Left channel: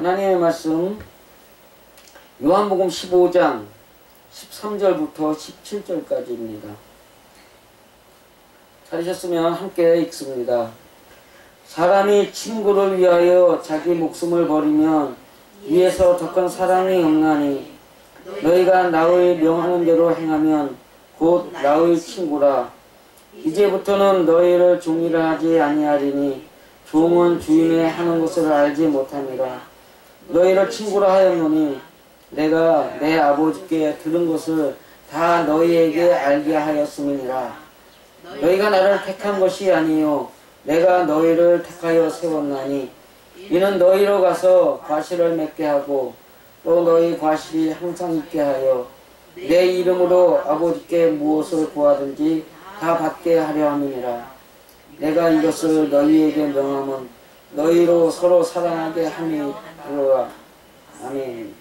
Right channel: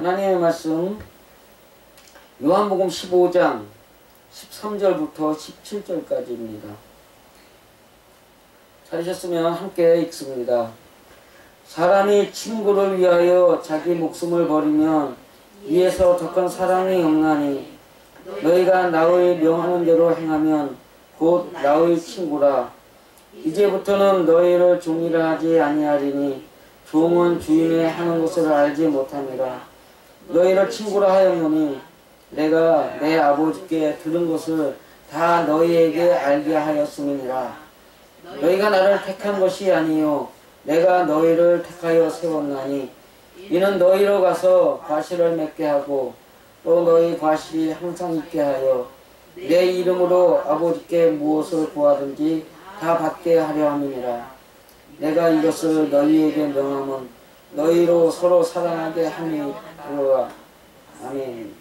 하나님의 말씀 요한복음 15장 13절부터 17절까지입니다. 찾으셨으면 함께 읽습니다. 사람이 친구를 위하여 자기 목숨을 버리면 이에서 더 큰 사랑이 없나니 너희가 나의 명하는 대로 행하면 곧 나의 친구라. 이제부터는 너희를 종이라 하지 아니하리니 종은 주인의 하는 것을 알지 못함이라. 너희를 친구라 하였노니 내가 내 아버지께 들은 것을 다 너희에게 알게 하였음이니라. 너희가 나를 택한 것이 아니요 내가 너희를 택하여 세웠나니 이는 너희로 가서 과실을 맺게 하고 또 너희 과실이 항상 있게 하여 내 이름으로 아버지께 무엇을 구하든지 다 받게 하려 함이니라. 내가 이것을 너희에게 명함은 너희로 서로 사랑하게 함이로라. 아멘.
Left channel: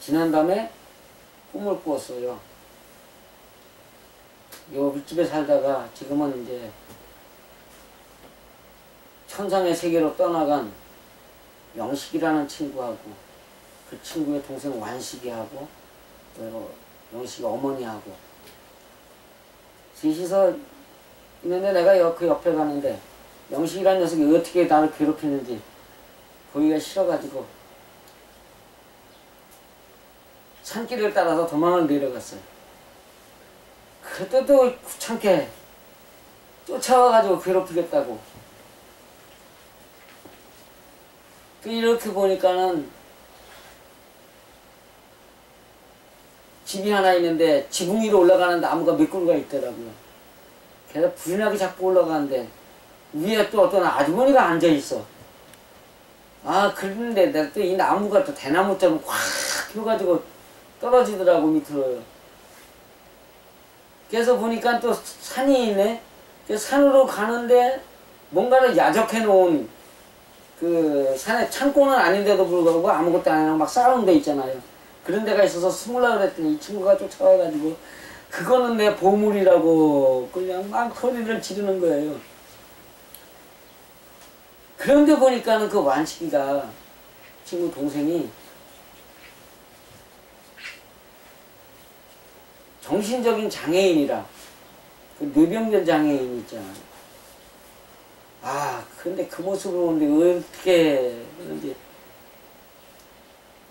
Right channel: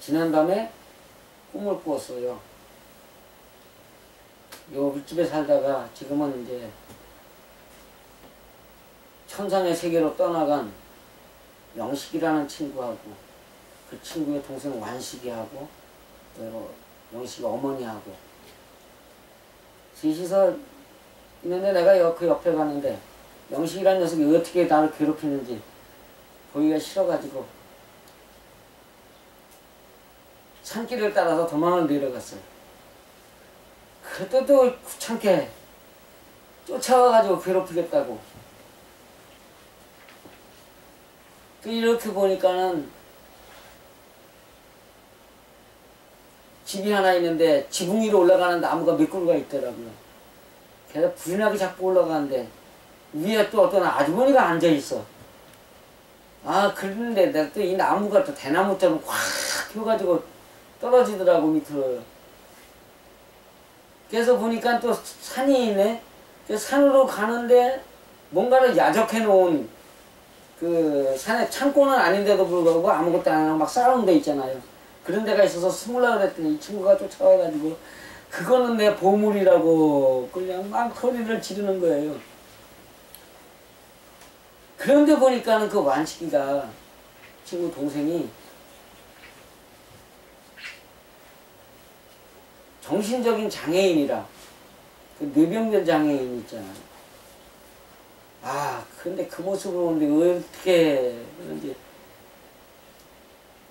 지난밤에 꿈을 꾸었어요. 요 윗집에 살다가 지금은 이제 천상의 세계로 떠나간 영식이라는 친구하고 그 친구의 동생 완식이하고 또 영식이 어머니하고 셋이서 있는데 내가 그 옆에 가는데 영식이라는 녀석이 어떻게 나를 괴롭히는지 보기가 싫어가지고 산길을 따라서 도망을 내려갔어요. 그때도 귀찮게 쫓아와가지고 괴롭히겠다고. 이렇게 보니까는 집이 하나 있는데 지붕 위로 올라가는 나무가 몇 그루가 있더라고요. 걔가 부진하게 자꾸 올라가는데 위에 또 어떤 아주머니가 앉아있어. 아, 그런데 내가 또 이 나무가 또 대나무처럼 확 펴가지고 떨어지더라고 밑으로요. 그래서 보니까 또 산이 있네. 산으로 가는데 뭔가를 야적해 놓은 그 산에 창고는 아닌데도 불구하고 아무것도 안 하고 막 쌓아놓은 데 있잖아요. 그런 데가 있어서 숨으려고 그랬더니 이 친구가 쫓아와가지고 그거는 내 보물이라고 그냥 막 소리를 지르는 거예요. 그런데 보니까는 그 완식이가 친구 동생이 정신적인 장애인이라 그 뇌병변 장애인 있잖아요. 아, 근데 그 모습을 보는데 어떻게 그런지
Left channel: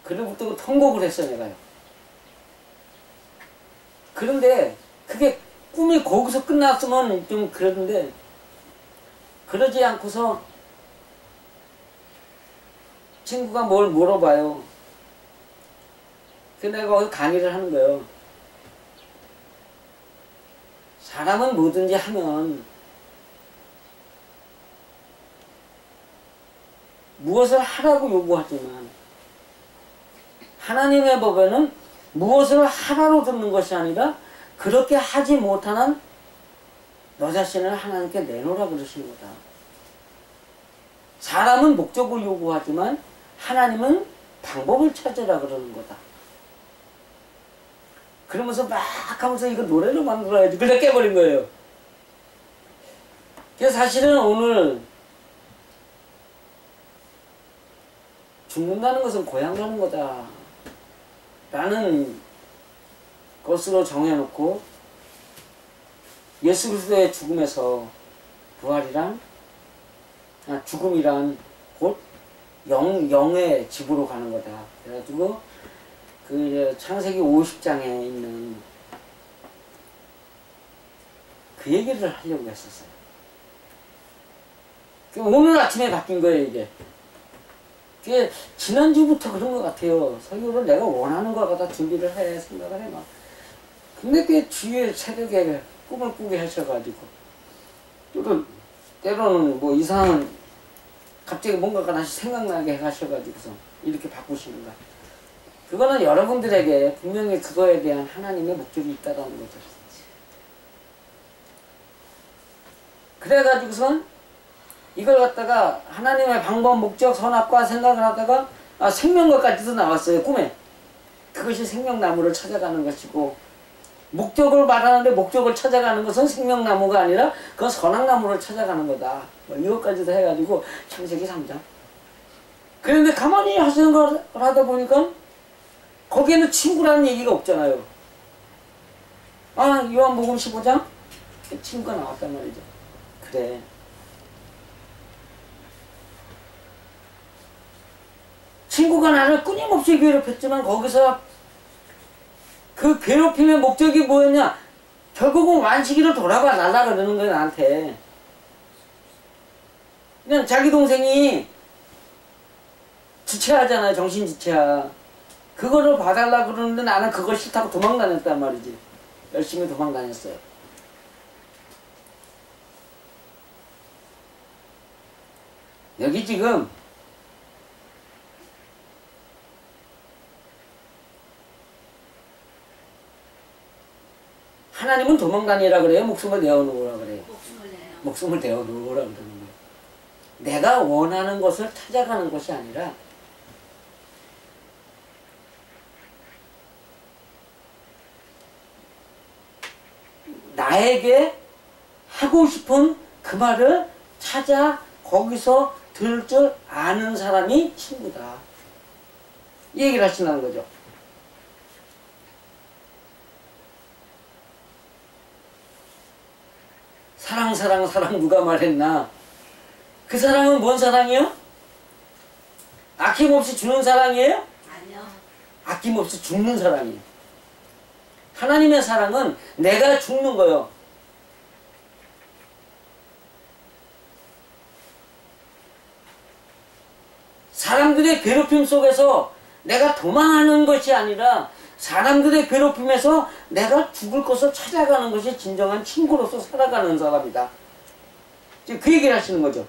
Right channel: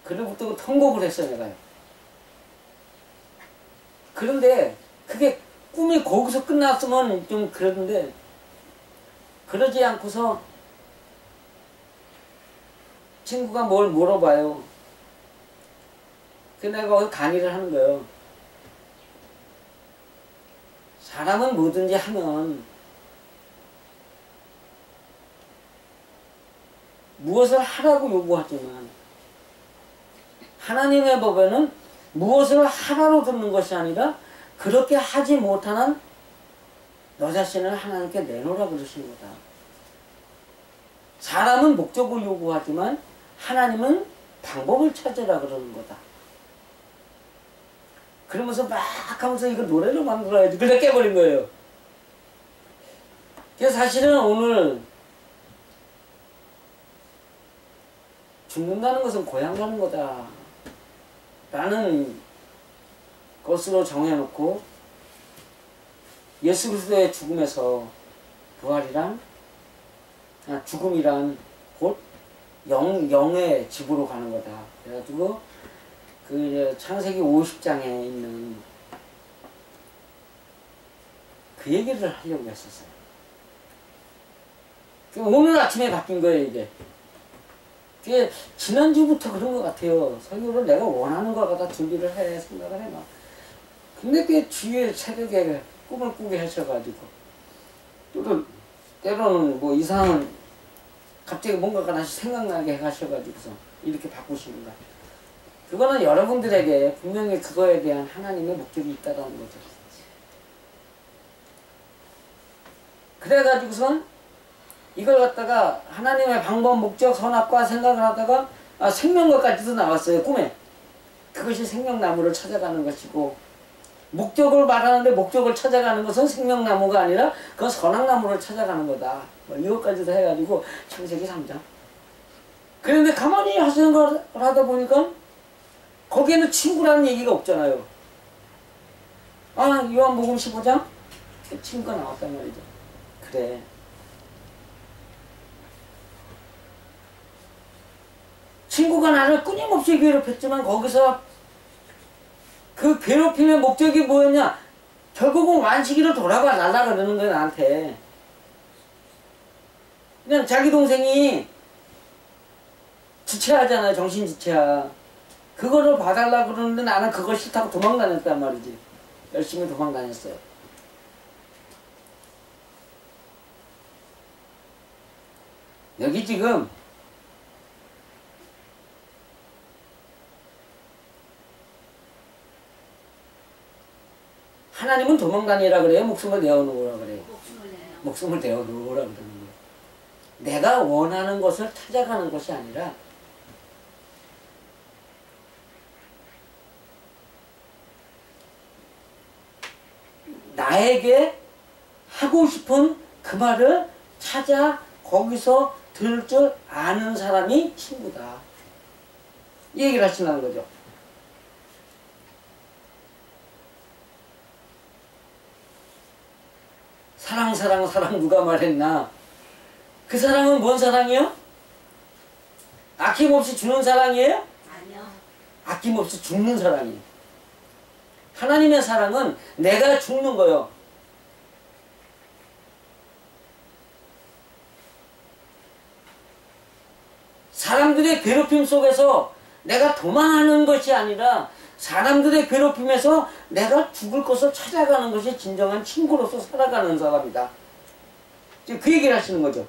그로부터 통곡을 했어요, 내가요. 그런데 그게 꿈이 거기서 끝났으면 좀 그러는데 그러지 않고서 친구가 뭘 물어봐요. 그 내가 거기 강의를 하는 거예요. 사람은 뭐든지 하면 무엇을 하라고 요구하지만 하나님의 법에는 무엇을 하라고 듣는 것이 아니라 그렇게 하지 못하는 너 자신을 하나님께 내놓으라 그러신 거다. 사람은 목적을 요구하지만 하나님은 방법을 찾으라 그러는 거다. 그러면서 막 하면서 이거 노래로 만들어야지 그래 깨버린 거예요. 그래서 사실은 오늘 죽는다는 것은 고향 가는 거다 라는 것으로 정해놓고 예수 그리스도의 죽음에서 부활이란 죽음이란 곧 영의 집으로 가는 거다. 그래가지고 그 창세기 50장에 있는 그 얘기를 하려고 했었어요. 오늘 아침에 바뀐 거예요, 이게. 그게 지난주부터 그런 것 같아요. 설교를 내가 원하는 걸 갖다 준비를 해 생각을 해놔. 근데 그 주위에 새벽에 꿈을 꾸게 하셔가지고 때로는 뭐 이상한 갑자기 뭔가가 다시 생각나게 하셔가지고서 이렇게 바꾸시는 거야. 그거는 여러분들에게 분명히 그거에 대한 하나님의 목적이 있다는 거죠. 그래가지고선 이걸 갖다가 하나님의 방법, 목적, 선악과 생각을 하다가 생명과까지도 나왔어요, 꿈에. 그것이 생명나무를 찾아가는 것이고, 목적을 말하는데 목적을 찾아가는 것은 생명나무가 아니라 그건 선악나무를 찾아가는 거다. 뭐 이것까지도 해가지고 창세기 3장. 그런데 가만히 하시는 걸 하다 보니까 거기에는 친구라는 얘기가 없잖아요. 아, 요한복음 15장? 친구가 나왔단 말이죠. 그래. 친구가 나를 끊임없이 괴롭혔지만 거기서 그 괴롭힘의 목적이 뭐였냐? 결국은 완식이로 돌아가 날라 그러는 거야, 나한테. 그냥 자기 동생이 지체하잖아요. 정신지체야. 그거를 봐달라 그러는데 나는 그걸 싫다고 도망다녔단 말이지. 열심히 도망다녔어요. 여기 지금 하나님은 도망다니라 그래요? 목숨을 내어놓으라 그래요? 목숨을 내어놓으라 그러는 거예요. 내가 원하는 것을 찾아가는 것이 아니라 나에게 하고 싶은 그 말을 찾아 거기서 들을 줄 아는 사람이 친구다. 이 얘기를 하시는 거죠. 사랑 사랑 사랑 누가 말했나? 그 사랑은 뭔 사랑이요? 아낌없이 주는 사랑이에요? 아니요. 아낌없이 죽는 사랑이에요. 하나님의 사랑은 내가 죽는 거요. 사람들의 괴롭힘 속에서 내가 도망하는 것이 아니라 사람들의 괴롭힘에서 내가 죽을 것을 찾아가는 것이 진정한 친구로서 살아가는 사람이다. 지금 그 얘기를 하시는 거죠.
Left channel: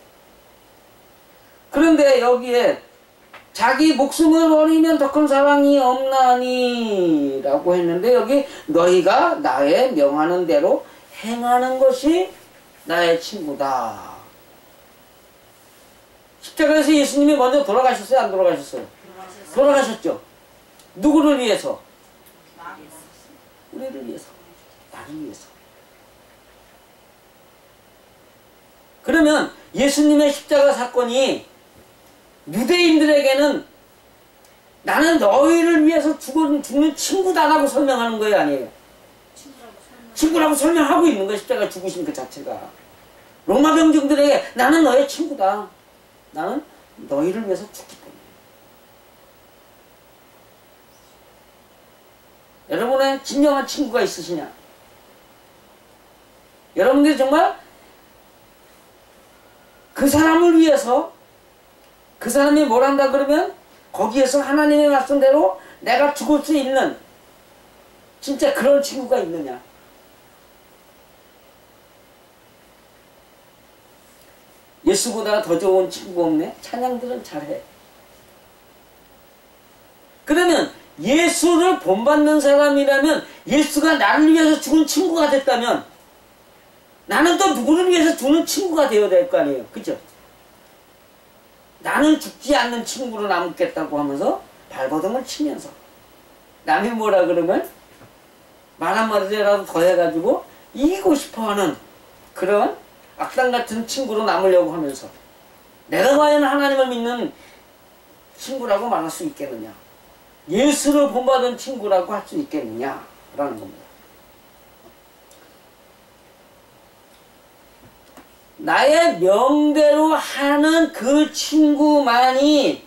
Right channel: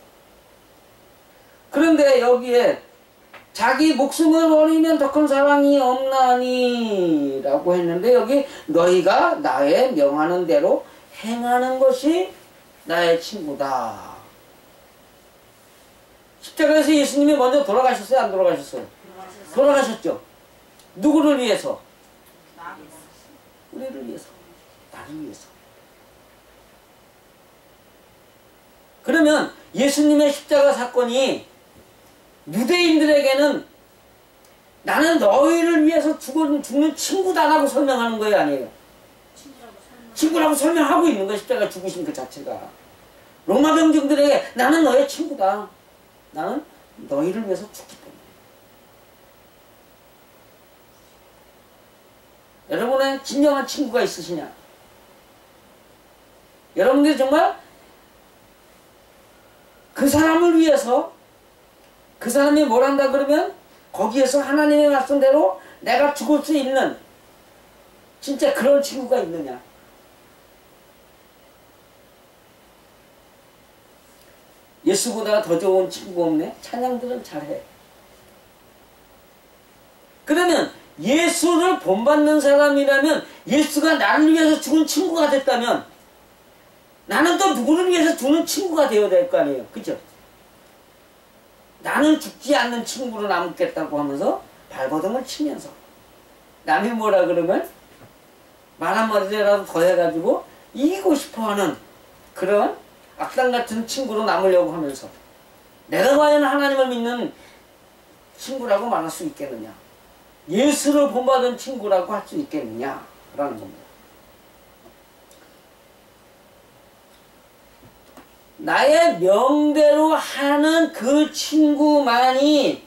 그런데 여기에 자기 목숨을 버리면 더 큰 사랑이 없나니 라고 했는데 여기 너희가 나의 명하는 대로 행하는 것이 나의 친구다. 십자가에서 예수님이 먼저 돌아가셨어요? 안 돌아가셨어요? 돌아가셨죠. 누구를 위해서? 우리를 위해서. 나를 위해서. 그러면 예수님의 십자가 사건이 유대인들에게는 나는 너희를 위해서 죽는 친구다라고 설명하는 거예요, 아니에요? 친구라고 설명하고 있는 거예요. 십자가 죽으신 그 자체가. 로마 병정들에게 나는 너의 친구다. 나는 너희를 위해서 죽기 때문에. 여러분의 진정한 친구가 있으시냐? 여러분들이 정말 그 사람을 위해서 그 사람이 뭘 한다 그러면 거기에서 하나님의 말씀대로 내가 죽을 수 있는 진짜 그런 친구가 있느냐? 예수보다 더 좋은 친구 없네? 찬양들은 잘해. 그러면 예수를 본받는 사람이라면 예수가 나를 위해서 죽은 친구가 됐다면 나는 또 누구를 위해서 죽는 친구가 되어야 될 거 아니에요. 그죠? 나는 죽지 않는 친구로 남겠다고 하면서 발버둥을 치면서 남이 뭐라 그러면 말 한마디라도 더 해가지고 이기고 싶어하는 그런 악당 같은 친구로 남으려고 하면서 내가 과연 하나님을 믿는 친구라고 말할 수 있겠느냐? 예수를 본받은 친구라고 할 수 있겠느냐? 라는 겁니다. 나의 명대로 하는 그 친구만이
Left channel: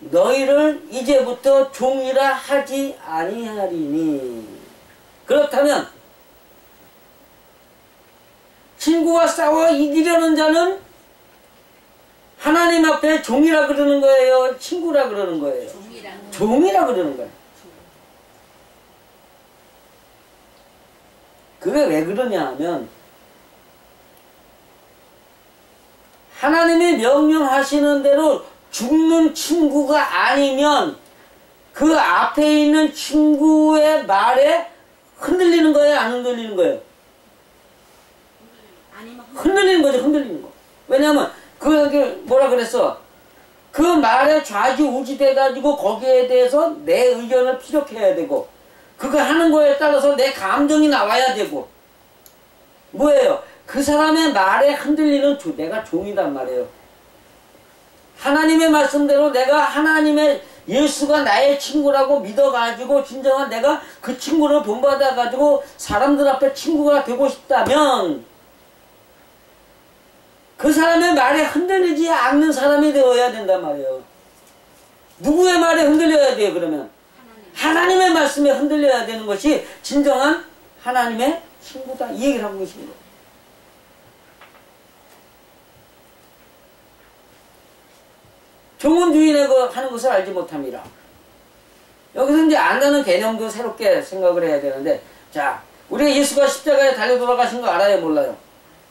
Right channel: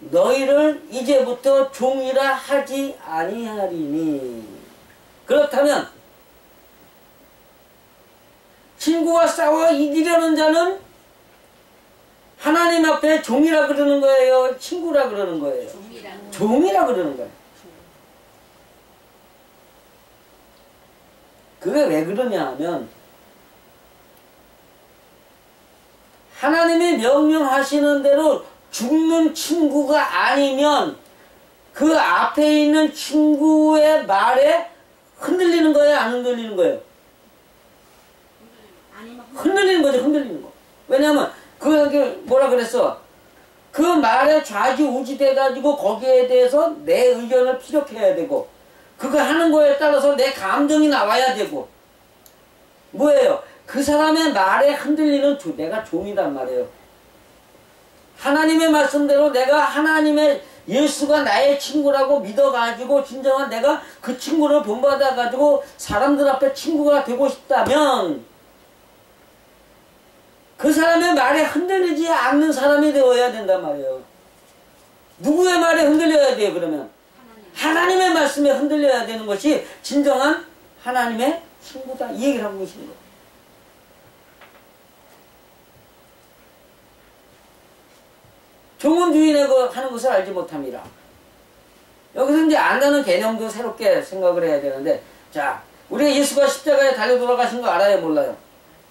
너희를 이제부터 종이라 하지 아니하리니. 그렇다면 친구와 싸워 이기려는 자는 하나님 앞에 종이라 그러는 거예요? 친구라 그러는 거예요? 종이라 그러는 거예요. 그게 왜 그러냐 하면 하나님이 명령하시는 대로 죽는 친구가 아니면 그 앞에 있는 친구의 말에 흔들리는 거예요? 안 흔들리는 거예요? 흔들리는 거죠. 흔들리는 거. 왜냐하면 그게 뭐라 그랬어? 그 말에 좌지우지 돼가지고 거기에 대해서 내 의견을 피력해야 되고 그거 하는 거에 따라서 내 감정이 나와야 되고 뭐예요? 그 사람의 말에 흔들리는 내가 종이란 말이에요. 하나님의 말씀대로 내가 하나님의 예수가 나의 친구라고 믿어가지고 진정한 내가 그 친구를 본받아가지고 사람들 앞에 친구가 되고 싶다면 그 사람의 말에 흔들리지 않는 사람이 되어야 된단 말이에요. 누구의 말에 흔들려야 돼요 그러면? 하나님의 말씀에 흔들려야 되는 것이 진정한 하나님의 친구다 이 얘기를 하고 계시는 거예요. 종은 주인의 하는 것을 알지 못함이라. 여기서 이제 안다는 개념도 새롭게 생각을 해야 되는데 자 우리가 예수가 십자가에 달려 돌아가신 거 알아요 몰라요?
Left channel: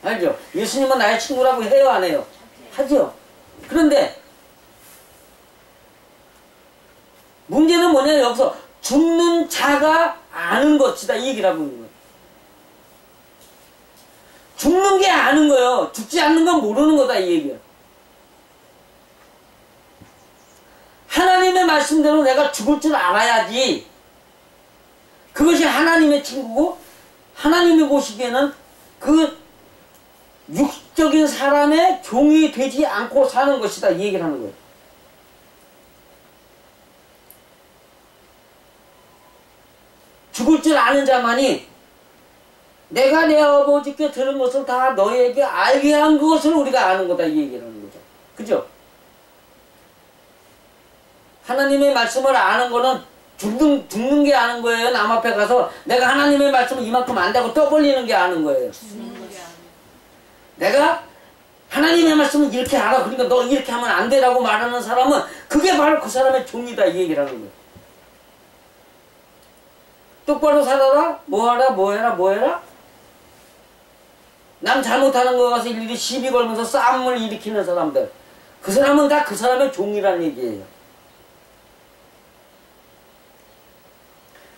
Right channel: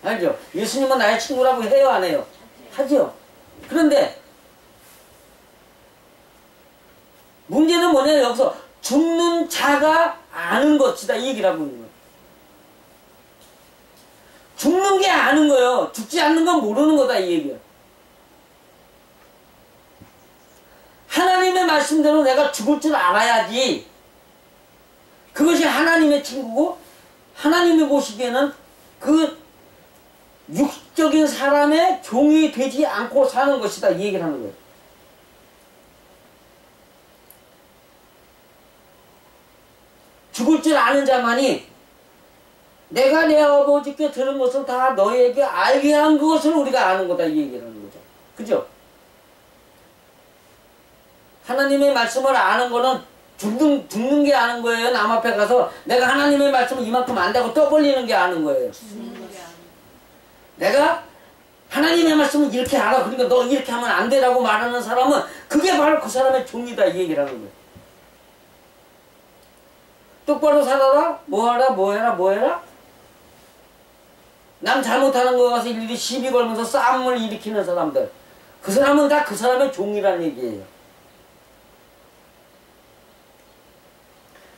알죠? 예수님은 나의 친구라고 해요 안 해요? 하죠. 그런데 문제는 뭐냐 여기서 죽는 자가 아는 것이다 이 얘기를 하고 있는 거예요. 죽는 게 아는 거예요. 죽지 않는 건 모르는 거다 이 얘기예요. 하나님의 말씀대로 내가 죽을 줄 알아야지. 그것이 하나님의 친구고 하나님이 보시기에는 그 육적인 사람의 종이 되지 않고 사는 것이다 이 얘기를 하는 거예요. 죽을 줄 아는 자만이 내가 내 아버지께 들은 것을 다 너희에게 알게 한 그것을 우리가 아는 거다 이 얘기를 하는 거죠. 그죠? 하나님의 말씀을 아는 거는 죽는 게 아는 거예요. 남 앞에 가서 내가 하나님의 말씀을 이만큼 안다고 떠벌리는 게 아는 거예요. 내가 하나님의 말씀을 이렇게 알아. 그러니까 너 이렇게 하면 안 되라고 말하는 사람은 그게 바로 그 사람의 종이다 이 얘기를 하는 거예요. 똑바로 살아라. 뭐하라 뭐해라 남 잘못하는 거 가서 일일이 시비 걸면서 싸움을 일으키는 사람들 그 사람은 다 그 사람의 종이라는 얘기예요.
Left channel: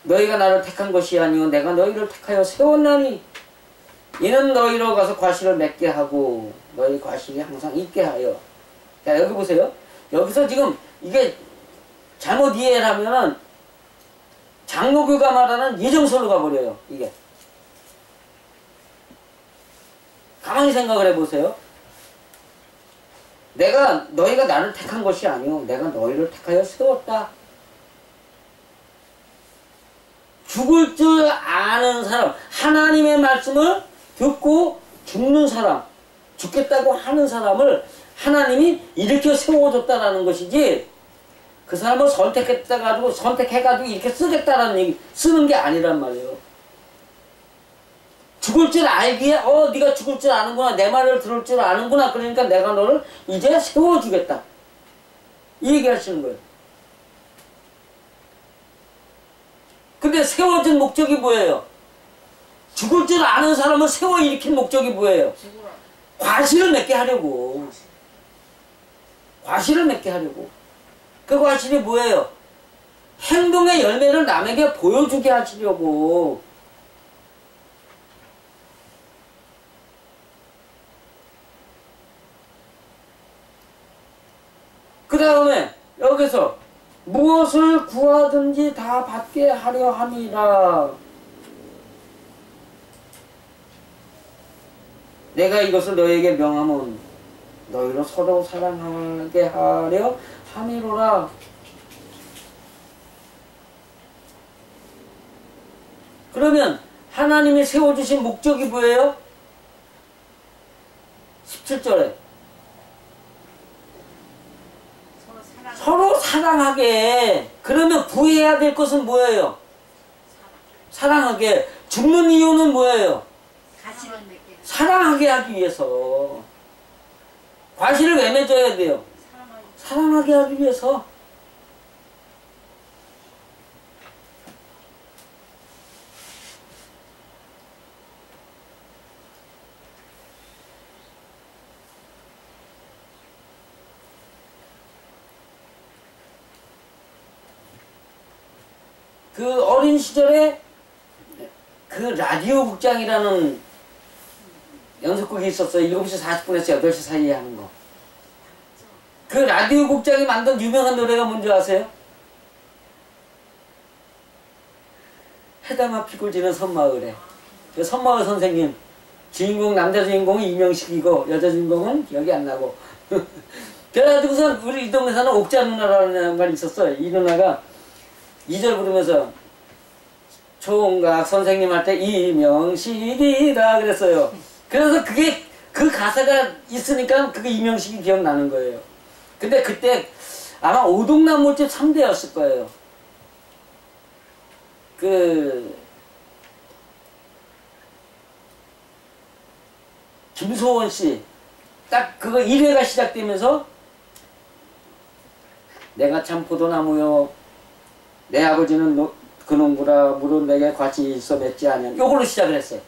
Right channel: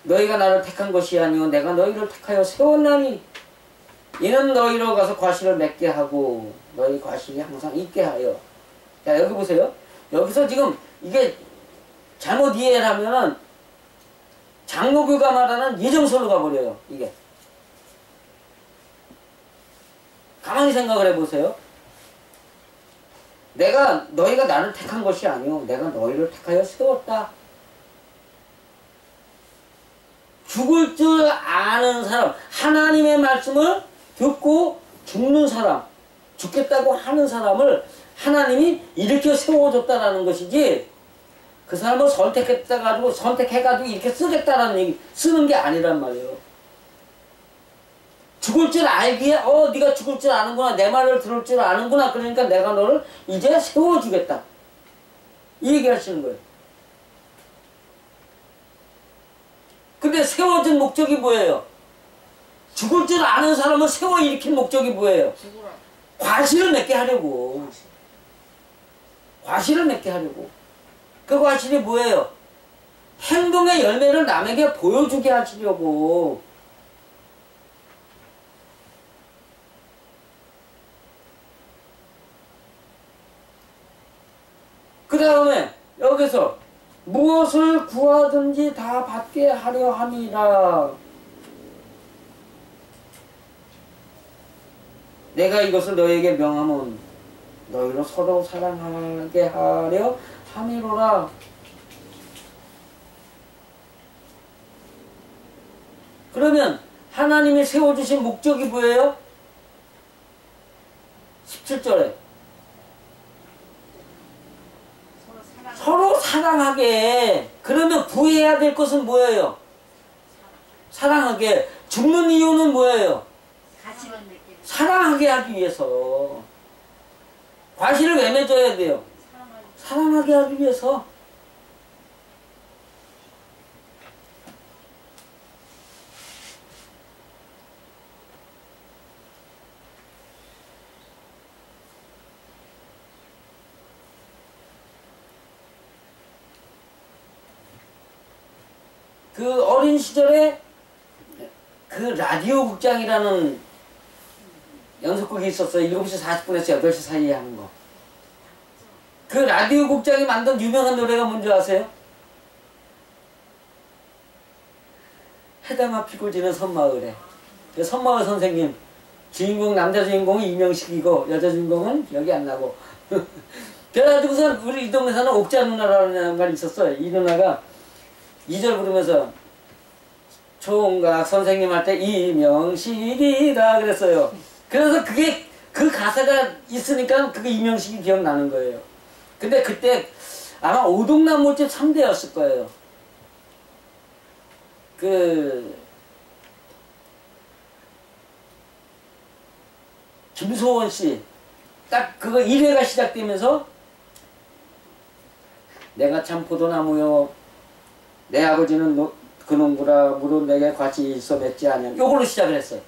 너희가 나를 택한 것이 아니오 내가 너희를 택하여 세웠나니 이는 너희로 가서 과실을 맺게 하고 너희 과실이 항상 있게 하여. 자 여기 보세요. 여기서 지금 이게 잘못 이해를 하면은 장로교가 말하는 예정설로 가버려요. 이게 가만히 생각을 해보세요. 너희가 나를 택한 것이 아니오 내가 너희를 택하여 세웠다. 죽을 줄 아는 사람, 하나님의 말씀을 듣고 죽는 사람, 죽겠다고 하는 사람을 하나님이 일으켜 세워줬다라는 것이지 그 사람을 선택해가지고 이렇게 쓰겠다라는 얘기, 쓰는 게 아니란 말이에요. 죽을 줄 알기에 네가 죽을 줄 아는구나, 내 말을 들을 줄 아는구나, 그러니까 내가 너를 이제 세워주겠다 이 얘기 하시는 거예요. 근데 세워준 목적이 뭐예요? 죽을 줄 아는 사람을 세워 일으킨 목적이 뭐예요? 과실을 맺게 하려고. 과실을 맺게 하려고. 그 과실이 뭐예요? 행동의 열매를 남에게 보여주게 하시려고. 그 다음에 여기서 무엇을 구하든지 다 받게 하려 함이라. 내가 이것을 너에게 명하면 너희로 서로 사랑하게 하려 함이로라. 그러면 하나님이 세워주신 목적이 뭐예요? 17절에 서로 사랑하게. 그러면 구해야 될 것은 뭐예요? 사랑하게. 죽는 이유는 뭐예요? 사랑하게 하기 위해서. 과실을 왜 맺어야 돼요? 사랑하게 하기 위해서. 그 어린 시절에 그 라디오 극장이라는 연속극이 있었어요. 7시 40분에서 8시 사이에 하는 거. 그 라디오 국장이 만든 유명한 노래가 뭔지 아세요? 해담아 피고 지는 섬마을에. 그 섬마을 선생님 주인공 남자 주인공은 이명식이고 여자 주인공은 기억이 안 나고 그래가지고선 우리 이 동네 사는 옥자 누나라는 말이 있었어요. 이 누나가 2절 부르면서 총각 선생님한테 이명식이다 그랬어요. 그래서 그게 그 가사가 있으니까 그게 이명식이 기억나는 거예요. 근데 그때 아마 오동나무집 3대였을 거예요. 그 김소원 씨 딱 그거 1회가 시작되면서 내가 참 포도나무요 내 아버지는 그놈구라 물은 내게 같이 있어 맺지 않냐 요걸로 시작을 했어요.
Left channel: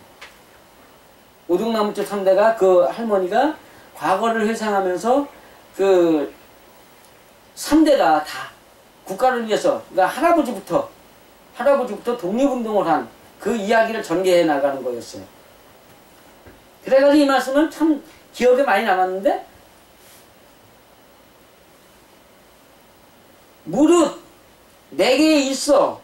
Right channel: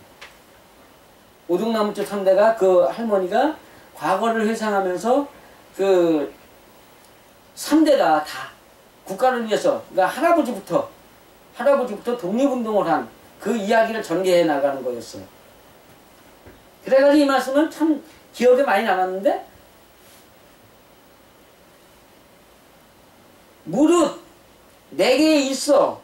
오동나무집 3대가 그 할머니가 과거를 회상하면서 그 3대가 다 국가를 위해서 그러니까 할아버지부터 독립운동을 한 그 이야기를 전개해 나가는 거였어요. 그래가지고 이 말씀은 참 기억에 많이 남았는데 무릇 내게 있어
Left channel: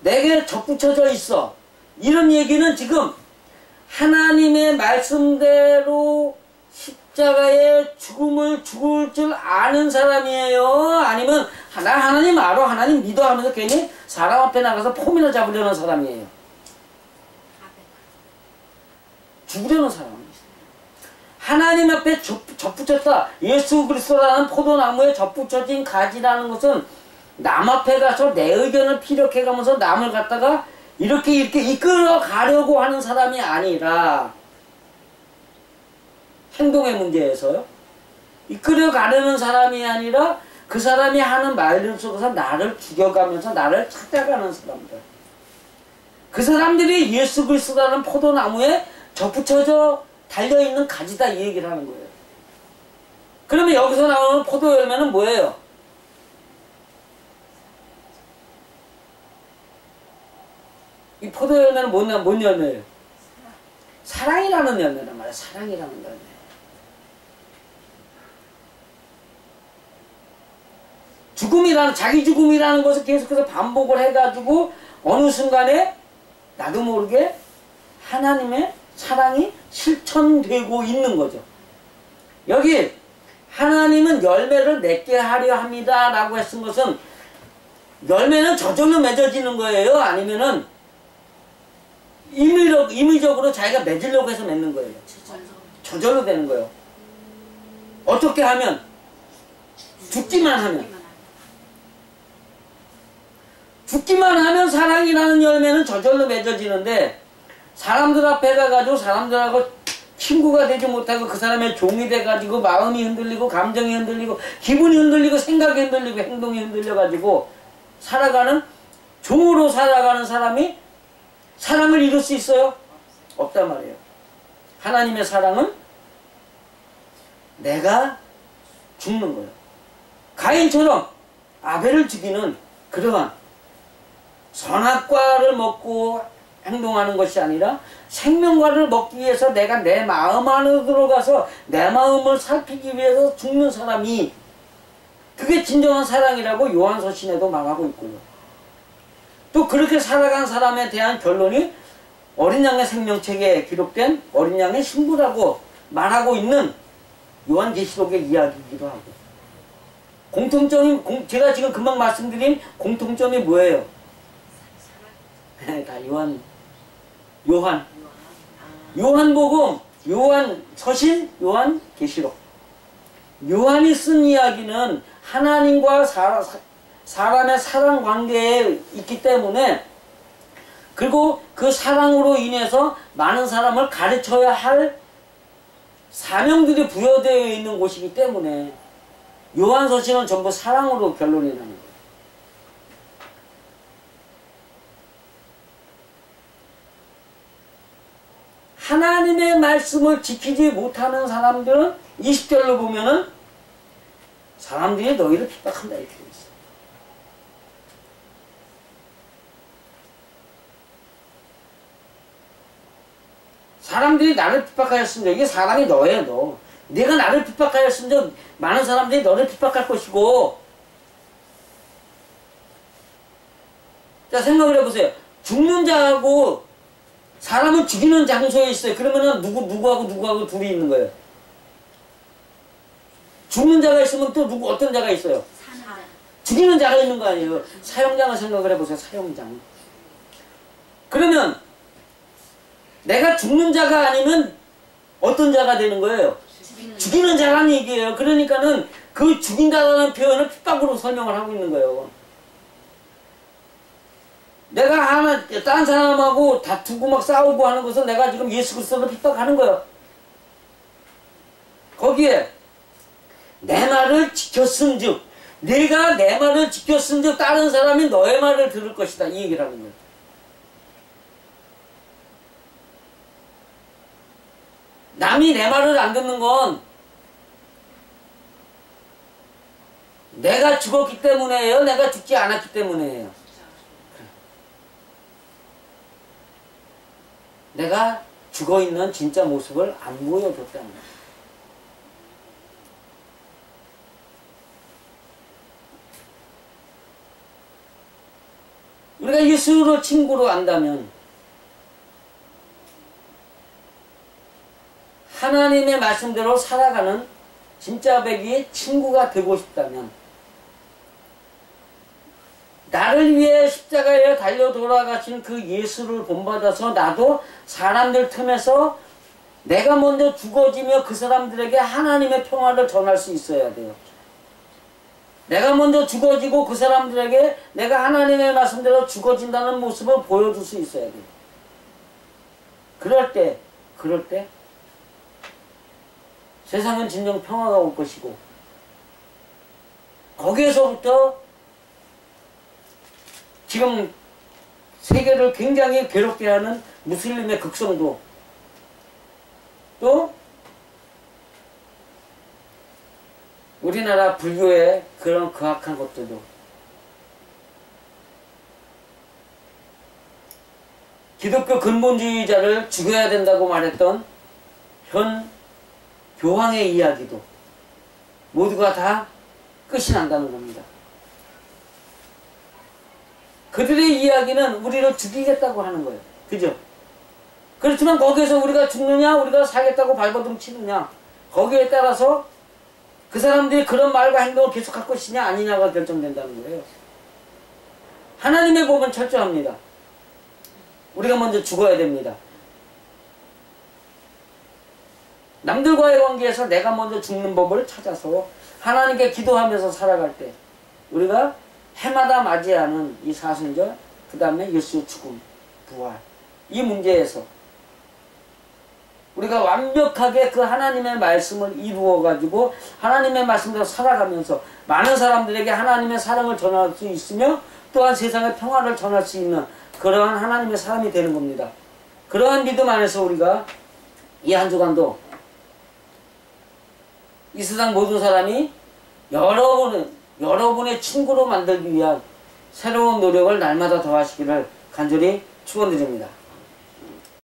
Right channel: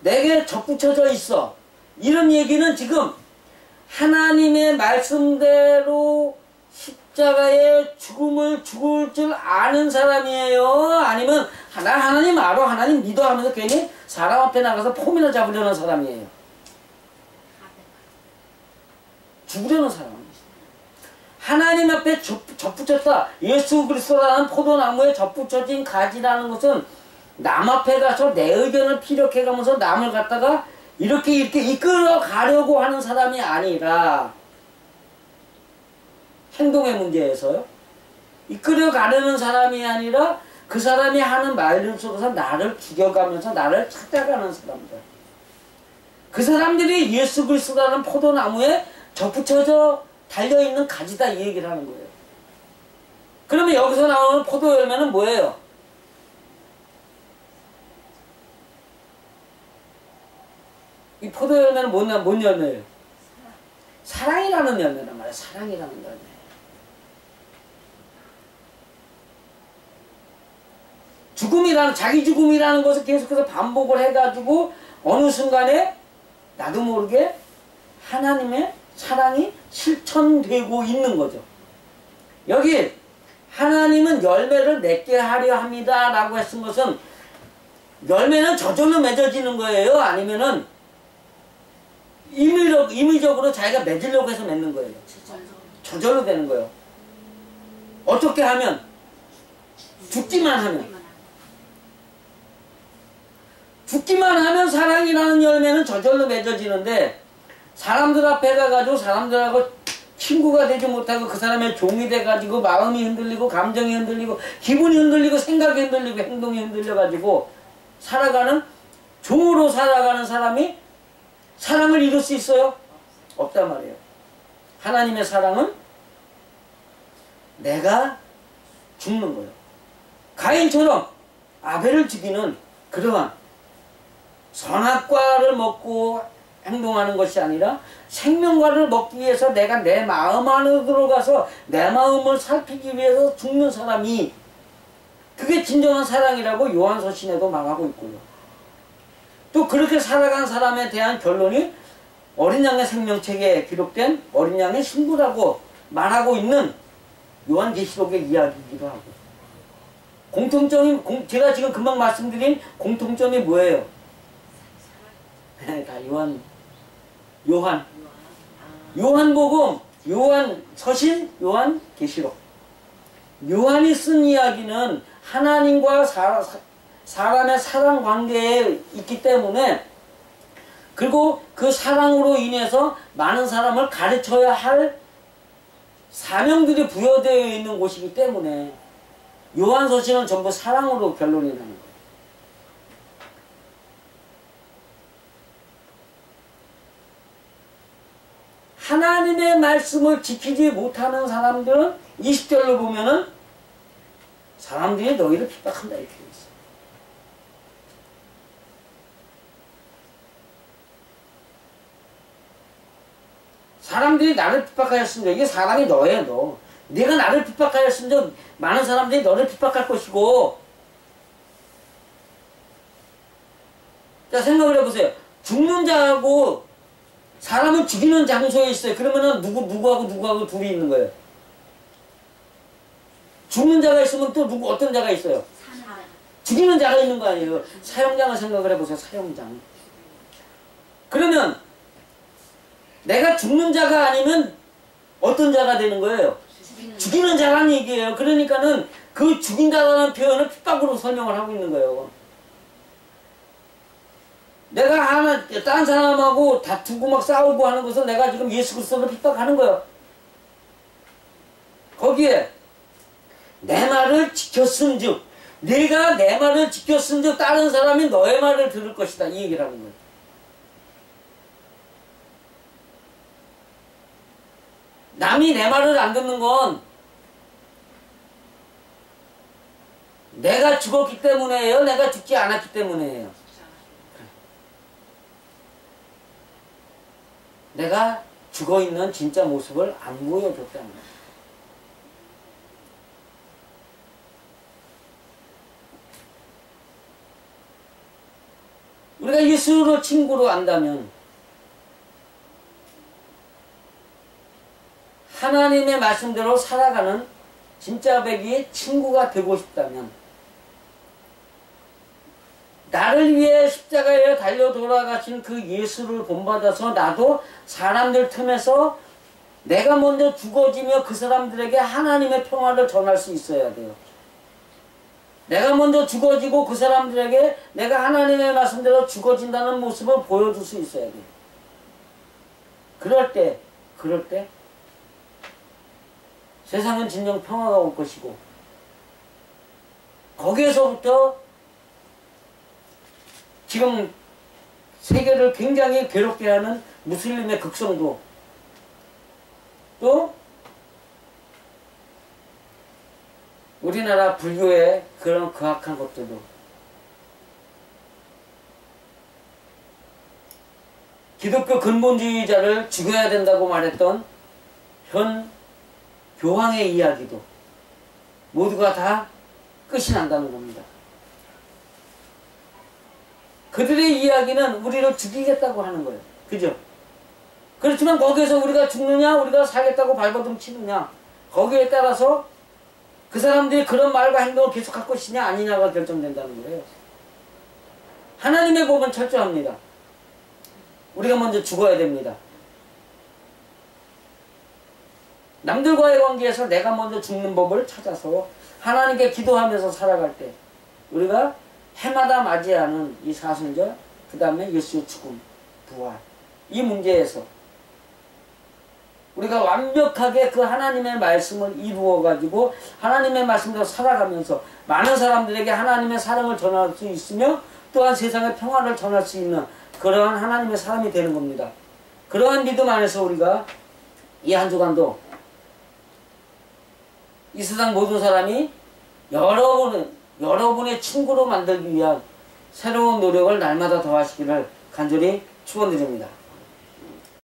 내게 접붙여져 있어 이런 얘기는 지금 하나님의 말씀대로 십자가의 죽음을 죽을 줄 아는 사람이에요? 아니면 나 하나님 알아 하나님 믿어 하면서 괜히 사람 앞에 나가서 폼이나 잡으려는 사람이에요? 죽으려는 사람. 하나님 앞에 접붙였다. 예수 그리스도라는 포도나무에 접붙여진 가지라는 것은 남 앞에 가서 내 의견을 피력해가면서 남을 갖다가 이렇게 이끌어 가려고 하는 사람이 아니라 행동의 문제에서요. 이끌어 가려는 사람이 아니라 그 사람이 하는 말 속에서 나를 죽여가면서 나를 찾아가는 사람들. 그 사람들이 예수 그리스도라는 포도나무에 접붙여져 달려있는 가지다 이 얘기를 하는 거예요. 그러면 여기서 나오는 포도 열매는 뭐예요? 이 포도 열매는 뭔 열매예요? 사랑이라는 열매란 말이에요. 사랑이라는 열매. 자기 죽음이라는 것을 계속해서 반복을 해가지고 어느 순간에 나도 모르게 하나님의 사랑이 실천되고 있는 거죠. 여기 하나님은 열매를 맺게 하려 합니다 라고 했은 것은 열매는 저절로 맺어지는 거예요? 아니면은 임의적으로 자기가 맺으려고 해서 맺는 거예요? 저절로 되는 거예요. 어떻게 하면? 죽기만 하면 사랑이라는 열매는 저절로 맺어지는데 사람들 앞에 가가지고 사람들하고 친구가 되지 못하고 그 사람의 종이 돼가지고 마음이 흔들리고 감정이 흔들리고 기분이 흔들리고 생각이 흔들리고 행동이 흔들려가지고 종으로 살아가는 사람이 사랑을 이룰 수 있어요? 없단 말이에요. 하나님의 사랑은 내가 죽는 거예요. 가인처럼 아벨을 죽이는 그러한 선악과를 먹고 행동하는 것이 아니라 생명과를 먹기 위해서 내가 내 마음 안으로 들어가서 내 마음을 살피기 위해서 죽는 사람이 그게 진정한 사랑이라고 요한서신에도 말하고 있고요. 또 그렇게 살아간 사람에 대한 결론이 어린 양의 생명책에 기록된 어린 양의 신부라고 말하고 있는 요한계시록의 이야기이기도 하고 제가 지금 금방 말씀드린 공통점이 뭐예요? 다 요한복음, 요한서신, 요한계시록. 요한이 쓴 이야기는 하나님과 사람의 사랑 관계에 있기 때문에 그리고 그 사랑으로 인해서 많은 사람을 가르쳐야 할 사명들이 부여되어 있는 곳이기 때문에 요한서신은 전부 사랑으로 결론이 나는 거예요. 하나님의 말씀을 지키지 못하는 사람들은 20절로 보면은 사람들이 너희를 핍박한다 이렇게 되어 있어요. 사람들이 나를 핍박하였습니다. 이게 사람이 너예요, 너. 네가 나를 핍박하였으면 많은 사람들이 너를 핍박할 것이고. 자, 생각을 해보세요. 죽는 자하고 사람을 죽이는 장소에 있어요. 그러면은 누구하고 둘이 있는 거예요. 죽는 자가 있으면 또 어떤 자가 있어요? 죽이는 자가 있는 거 아니에요. 사형장을 생각을 해보세요. 사형장. 그러면 내가 죽는 자가 아니면 어떤 자가 되는 거예요? 죽이는 자라는 얘기예요. 그러니까는 그 죽인다라는 표현을 핍박으로 설명을 하고 있는 거예요. 내가 딴 사람하고 다투고 막 싸우고 하는 것은 내가 지금 예수 그리스도를 핍박하는 거예요. 거기에 내 말을 지켰은즉, 네가 내 말을 지켰은즉 다른 사람이 너의 말을 들을 것이다, 이 얘기를 하는 거예요. 남이 내 말을 안 듣는 건 내가 죽었기 때문에요? 내가 죽지 않았기 때문에요? 내가 죽어있는 진짜 모습을 안 보여줬다는 거예요. 우리가 예수를 친구로 안다면, 하나님의 말씀대로 살아가는 진짜 백이 친구가 되고 싶다면, 나를 위해 십자가에 달려 돌아가신 그 예수를 본받아서 나도 사람들 틈에서 내가 먼저 죽어지며 그 사람들에게 하나님의 평화를 전할 수 있어야 돼요. 내가 먼저 죽어지고 그 사람들에게 내가 하나님의 말씀대로 죽어진다는 모습을 보여줄 수 있어야 돼요. 그럴 때 세상은 진정 평화가 올 것이고, 거기에서부터 지금 세계를 굉장히 괴롭게 하는 무슬림의 극성도, 또 우리나라 불교의 그런 극악한 것들도, 기독교 근본주의자를 죽여야 된다고 말했던 현 교황의 이야기도 모두가 다 끝이 난다는 겁니다. 그들의 이야기는 우리를 죽이겠다고 하는 거예요. 그죠? 그렇지만 거기에서 우리가 죽느냐, 우리가 살겠다고 발버둥 치느냐, 거기에 따라서 그 사람들이 그런 말과 행동을 계속할 것이냐 아니냐가 결정된다는 거예요. 하나님의 법은 철저합니다. 우리가 먼저 죽어야 됩니다. 남들과의 관계에서 내가 먼저 죽는 법을 찾아서 하나님께 기도하면서 살아갈 때, 우리가 해마다 맞이하는 이 사순절, 그 다음에 예수의 죽음, 부활, 이 문제에서 우리가 완벽하게 그 하나님의 말씀을 이루어가지고 하나님의 말씀대로 살아가면서 많은 사람들에게 하나님의 사랑을 전할 수 있으며, 또한 세상의 평화를 전할 수 있는 그러한 하나님의 사람이 되는 겁니다. 그러한 믿음 안에서 우리가 이 한 주간도 이 세상 모든 사람이 여러분의 친구로 만들기 위한 새로운 노력을 날마다 더하시기를 간절히 축원드립니다.